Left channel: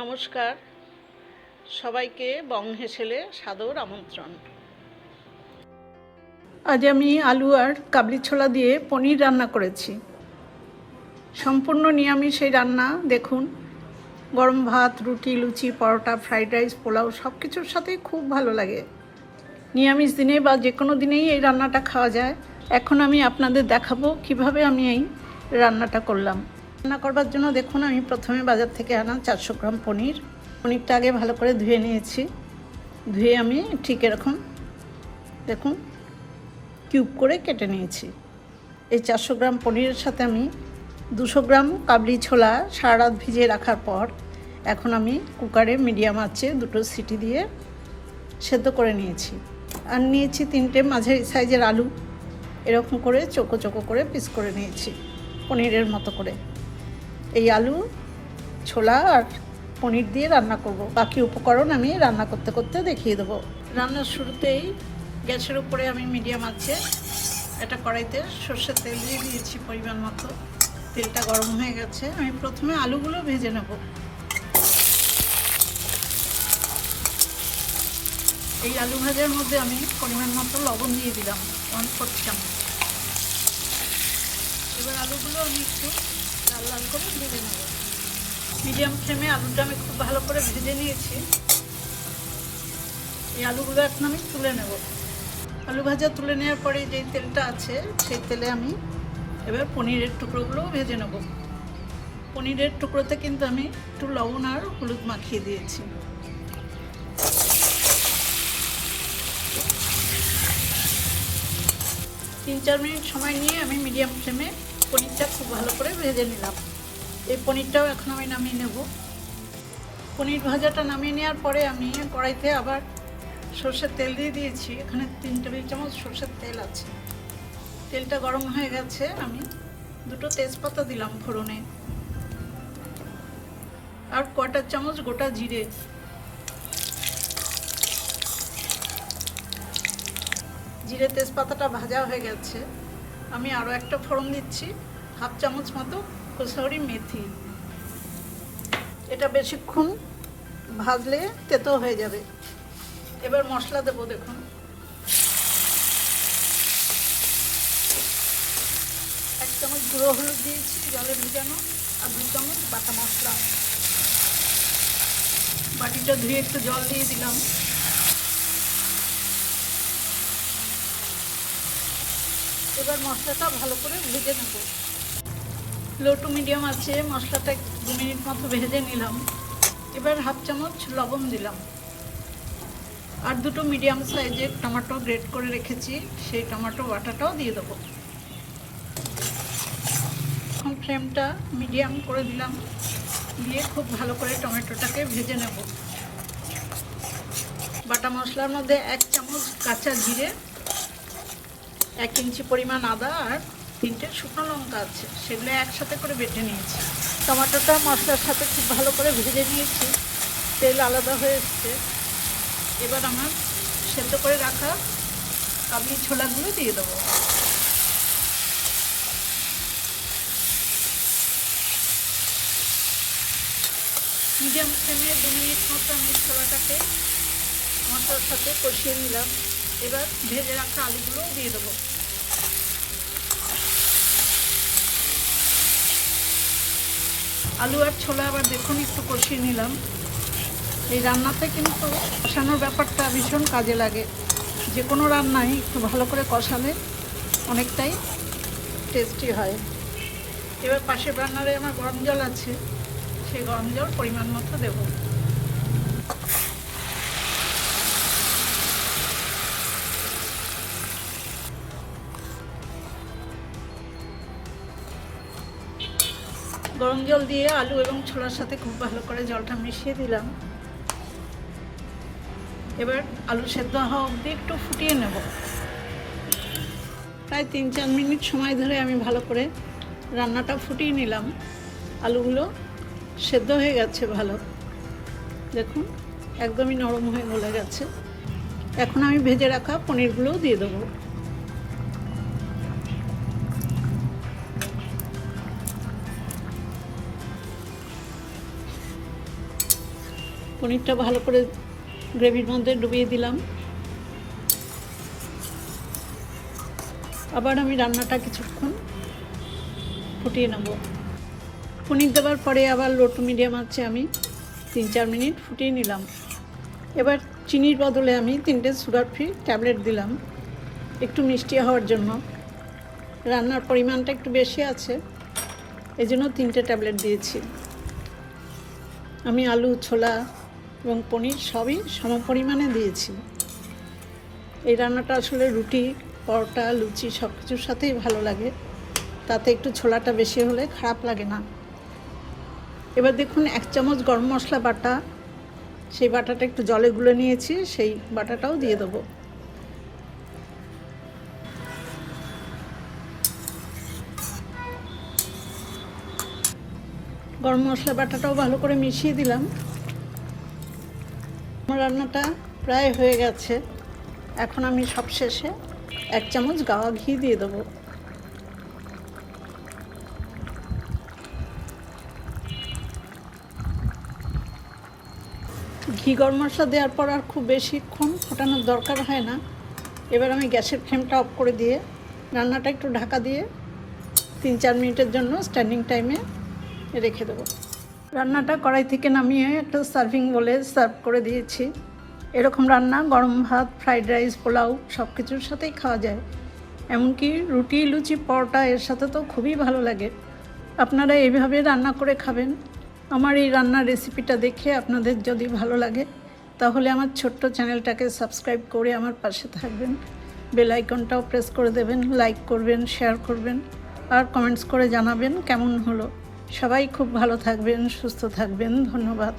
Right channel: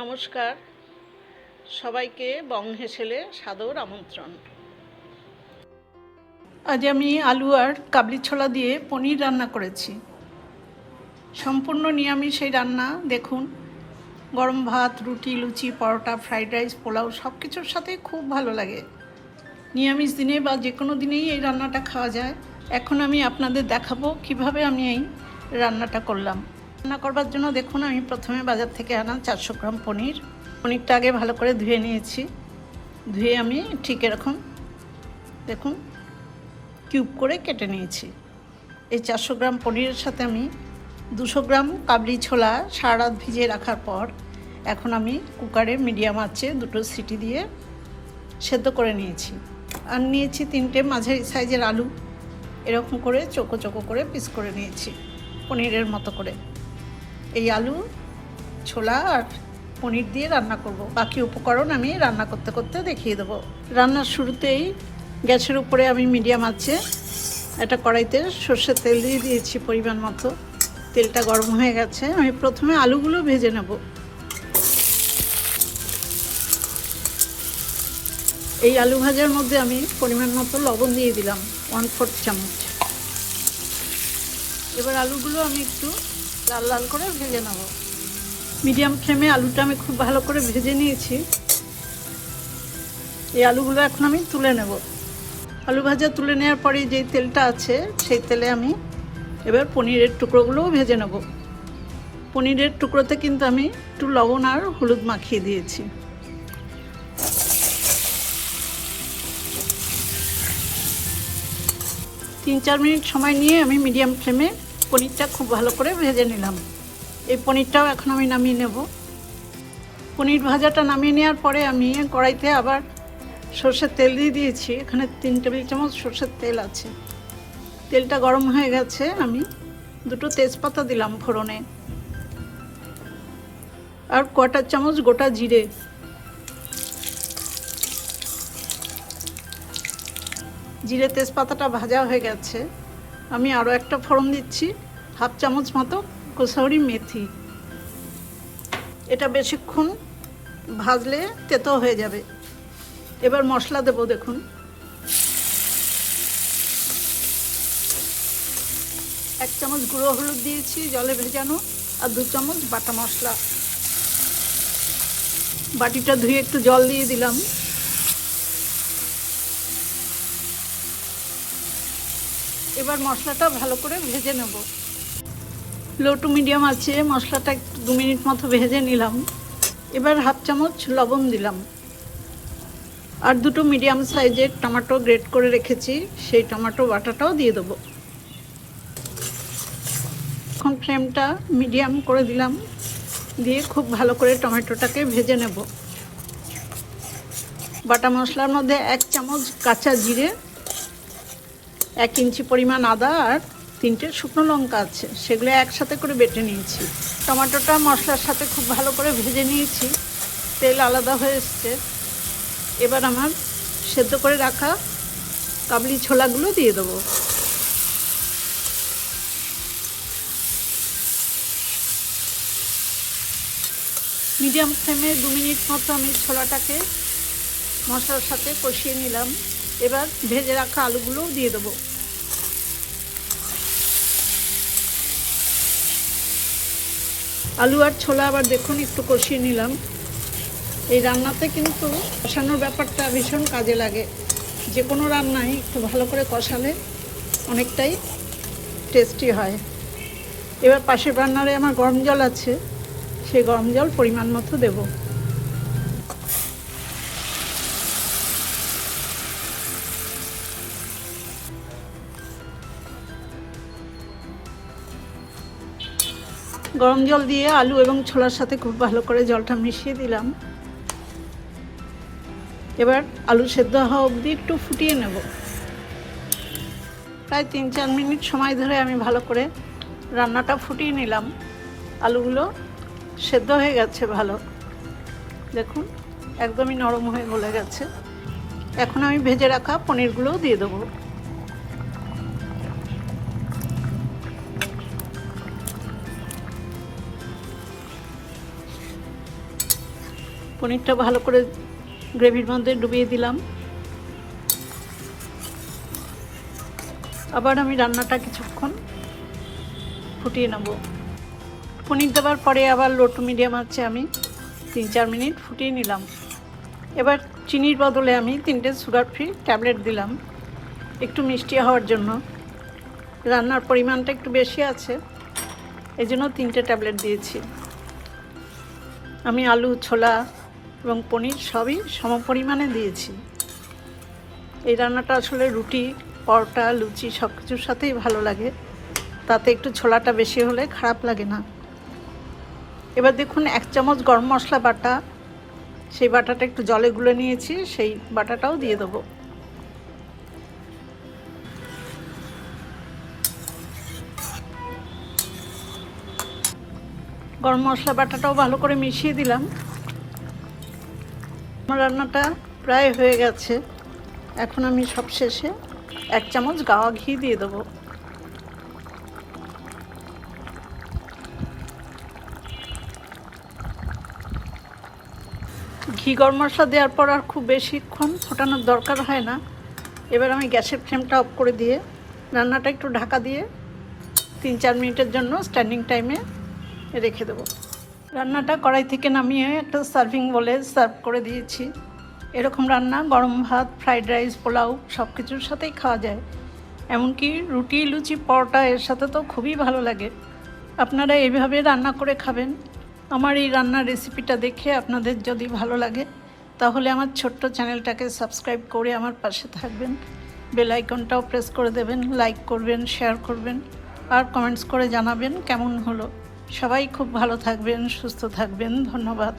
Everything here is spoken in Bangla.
নমস্কার, সবাইকে বং হেসেলে সাদর আমন্ত্রণ। আজ আমি আলু আর কাবলি ছোলা দিয়ে পনির রান্না করেছি। সম্পূর্ণ নিরামিষ এই রান্না। দেখুন, গরম ভাত, রুটি, লুচি, পরোটা, ফ্রাইড রাইস, পোলাও সব কিছুর সাথেই খুব ভালো লাগে। নিরামিষ দিনে বা যে কোনো দিনেই এই রান্নাটা খাওয়া যায়। এখন আমি আপনাদের দেখাবো কিভাবে আমি এই রান্নাটা করলাম। রান্না করবার জন্য দেখুন, আমি প্রথমে বাজার থেকে আনা 400 গ্রাম পনিরটা আগে ভালো করে ধুয়ে নিয়েছি। ধুয়ে আমি ঠিক এরকম দেখুন কিউব করে কেটে নিয়েছি। এই 400 গ্রাম পনিরের সাথে আমি 200 গ্রাম কাবলি ছোলা সারা রাত ভিজিয়ে রাখার পর এখন আমি কুকারে মিডিয়াম আঁচে 2টো সিটি দিয়ে সেদ্ধ করে নিয়েছি। আর নিয়েছি 3টে মাঝারি সাইজের আলু, এরকম করে চোখো চোখো করে পিস করে নিয়েছি পনিরের মতো করে। এই আলু, ছোলা আর পনির দিয়ে রান্না করব। বাকি উপকরণ আমি রান্না করতে করতে দেখিয়ে দেবো। রান্নার শুরুতেই গ্যাসের উপরে আমি মিডিয়াম আঁচে একটা কড়াইতে সর্ষের তেল দিয়ে দিয়েছি পরিমাণ মতো। তেলটা গরম হয়ে গেছে। আমি প্রথমে আলুগুলো ভেজে নেব। এই আলু ভাজার মধ্যে আমি পরিমাণ মতো লবণ দিয়ে দিলাম 1/4 চামচ। এবার আলুগুলো আমি একটু লাল লাল করে ভেজে নেব। মিডিয়াম ফ্লেমে আলুটা আমি খুব ভালো করে ভেজে নিয়েছি। এই আলুগুলো এখন আমি তুলে নেব। আলু ভাজা তুলে নেওয়ার পরে যেই তেলটা আছে সেই তেলে আমি এবার পনিরের টুকরোগুলোও ভেজে নেব। পনিরের টুকরোতে কিন্তু আমি একটু লবণ আর হলুদ মাখিয়ে দিয়েছি। তিন চার মিনিট সময় নিয়ে আমি মিডিয়াম ফ্লেমে পনিরটা খুব ভালো করে ভেজে নিলাম। এই পনিরটাও এখন আমি নামিয়ে নেব। পনির ভাজাটা নামিয়ে নেওয়ার পরে আমি কড়াইতে আবার সর্ষের তেল দিয়ে দিয়েছি। এখানে 3 টেবিল চামচ সর্ষের তেল আছে। তেলটা গরম হয়ে গেছে। আমি 2টো তেজপাতা দিলাম ফোড়নে, আর 1/4 চামচ গোটা জিরে। জিরে তেজপাতাটা ভাজা হয়ে গেছে। আমি আরও একটা ফোড়ন দিচ্ছি, 1/2 চামচ মতো কসুরি মেথি। এটা বেশিক্ষণ ভাজলে তেতো হয়ে যাবে। এবার মশলা দেবো। দেখুন, 1 চামচ গুঁড়ো হলুদ দিয়েছি জলে ভেজানো, আর 2 চামচ বাটা মশলা। বাটিটা ধুয়ে একটু জল দিয়ে দিলাম। এবার মশলাটা ভালো করে ভেজে নেব। লো টু মিডিয়াম আছে মশলাটা 2 মিনিট মতো ভেজে নিলাম। এবার 1/2 চামচ লবণ দিলাম, আর 2টো মিডিয়াম সাইজের টমেটো গ্রেট করে রেখেছি, সেই টমেটো বাটাটাও দিয়ে দেবো। এখন ফ্লেমটা মিডিয়াম করে দিলাম, দিয়ে খুব ভালো করে টমেটোটাকে ভেজে নেব। বাটা মশলার মধ্যে 1 চামচ কাঁচা জিরে, 1 ইঞ্চি পরিমাণ আদা আর 3টে শুকনো লঙ্কা আছে, সেগুলো একসাথে করে বেটে নিয়েছি। টমেটোটা মশলার সাথে খুব ভালো করে ভেজে নিয়েছি। তেল আলাদা হয়ে এসছে। এবার আমার সেদ্ধ করে রাখা কাবলি ছোলাগুলো দিয়ে দেবো। মিডিয়াম ফ্লেমে 2 মিনিট মতো আমি ছোলাটাকে মশলার সাথে কষিয়ে নিলাম। এবার ভেজে রাখা আলুগুলো দিয়ে দেবো। আলু আর ছোলা আবার দেখুন একটু কষিয়ে নিলাম। এই রান্নাতে কিন্তু কষানোর ব্যাপারটা ভীষণ কাজে লাগে। যে কোনো রান্নায় একটু ভালো করে কষালে অনেকটাই টেস্টি হয়। এবার পাশের রান্নারে আমার গরম জল আছে, সেই গরম জল পরিমাণ মতো দেব। গরম জল দিয়ে আলু এবং ছোলার সাথে খুব ভালো করে জলটা মিশিয়ে দিলাম। এবার আলু সেদ্ধ হওয়া অবধি একটু ফুটিয়ে নেব। প্রায় 3-4 মিনিট সময় ধরে আমি ভালো করে রান্নাটা ফুটিয়ে নিলাম। আলুগুলো সেদ্ধ হয়ে গেছে ভালো। দেখুন, একদমই নরম হয়ে গলে গেছে। এখন আমি ভেজে রাখা পনিরগুলোও দিয়ে দেবো। পনিরটা ভালো করে গ্রেভির মধ্যে ডুবিয়ে দিলাম। আবার আমি রান্নাটা কিছুক্ষণ ফুটিয়ে নেব। পনির দেওয়ার পরে আবার লো টু মিডিয়াম আঁচে আমি 3-4 মিনিট ফুটিয়ে নিলাম। এবার চিনির বদলে আমি 3টে সুগার ফ্রি ট্যাবলেট দিলাম একটু মিষ্টি হওয়ার জন্য। রান্নার পরিমাণটা একটু বেশি আছে, এই জন্য 3টে ট্যাবলেট দিয়েছি। আমি আলু, ছোলা এবং পনির সবই সম পরিমাণে দিয়েছি। এই রান্নাটা আসলে রুটি, পরোটা, লুচি সব কিছুর সাথেই ভালো লাগে, তাতে একটু ছোলাটা বেশি হলে খারাপ লাগে না। এবার দেখুন 1 চামচ গরম মশলা বাটা, সেই বাটাটা একটু জলে গুলে নিয়েছি, সেই বাটাটাও দিয়ে দেবো। গরম মশলা বাটাটাও ভালো করে মিশিয়ে দিলাম। আমার রান্নাটা প্রায় হয়ে গেছে। এখন আমি সবশেষে 1 চামচ গাওয়া ঘি দিয়ে দেবো। ঘি গরম মশলা দেওয়ার পর আর খুব বেশিক্ষণ ফোটানোর দরকার হয় না। এবার আমি গ্যাসের ফ্লেমটা অফ করে দিয়ে রান্নাটা একটু ঢাকা দিয়ে 3-4 মিনিটের জন্য স্ট্যান্ডিং টাইমে রেখে দেবো। রান্নাটা কড়াই থেকে নামিয়ে একটা সার্ভিং বলে সার্ভ করে দিয়েছি। এরকম রান্না গরম ভাত, ফ্রাইড রাইস, পোলাও সব কিছুর সাথেই খাওয়া যায়। এমনকি রুটি, লুচি, পরোটা এর সাথে তো খুবই ভালো লাগে। আপনারা এইভাবে রান্না করে খাবেন। আমার এই রান্নার রেসিপিটা দেখে আপনাদের যদি ভালো লাগে তাহলে আমার ছোট্ট চ্যানেলটাকে সাবস্ক্রাইব করে আমার পাশে থাকবেন। বেল আইকনটাও প্রেস করে দেবেন, লাইক করবেন, শেয়ার করবেন আর কমেন্টস করে জানাবেন কেমন হলো। সবাই খুব ভালো থাকবেন, সুস্থ থাকবেন। ধন্যবাদ।